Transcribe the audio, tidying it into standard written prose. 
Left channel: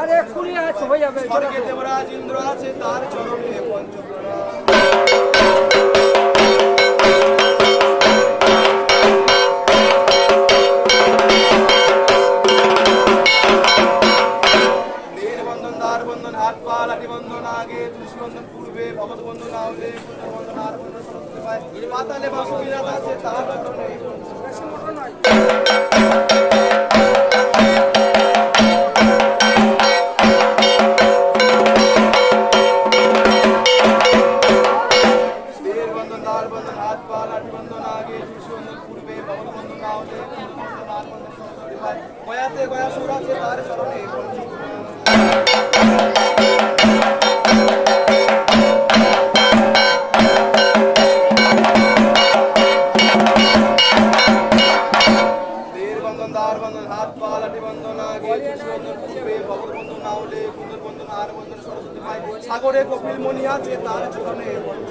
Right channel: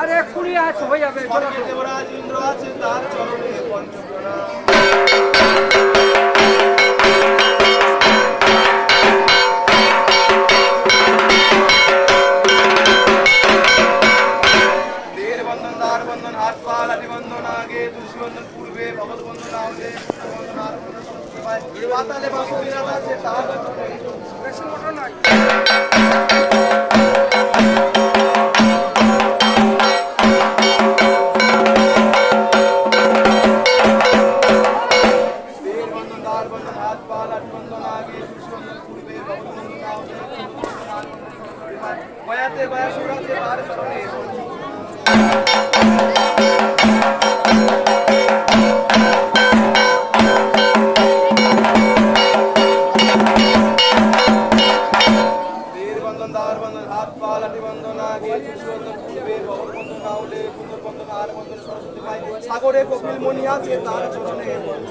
আরে এক্ষুনি আছো ভাই যাবে স্বর্গে দেবরাজ ইন্দ্র আছে তার চরণে পঞ্চপ্রণাম। দেহের বন্ধন, দ্বার বন্ধন, হাত পা লাঠি বন্ধন আগে, তুলসী বন্ধন পূর্বে, ভগত বন্ধন আগে, বন্ধন আর পাতালে বাসবিরাজ আছে তার চরণে। বেশি মোটা নাই। দেহের বন্ধন, দ্বার বন্ধন, হাত পা লাঠি বন্ধন আগে, তুলসী বন্ধন পূর্বে, ভগত বন্ধন আগে, বন্ধন আর বন্ধন সরস্বতী। গয়াতে গয়াসুর আছে তার চরণে পঞ্চপ্রণাম। দেহের বন্ধন, দ্বার বন্ধন, হাত পা লাঠি বন্ধন আগে, তুলসী বন্ধন পূর্বে, ভগত বন্ধন না হলে, কুন্দর বন্ধন আর বন্ধন সরস্বতী। সাগরে কপিল মণি আছে তার চরণে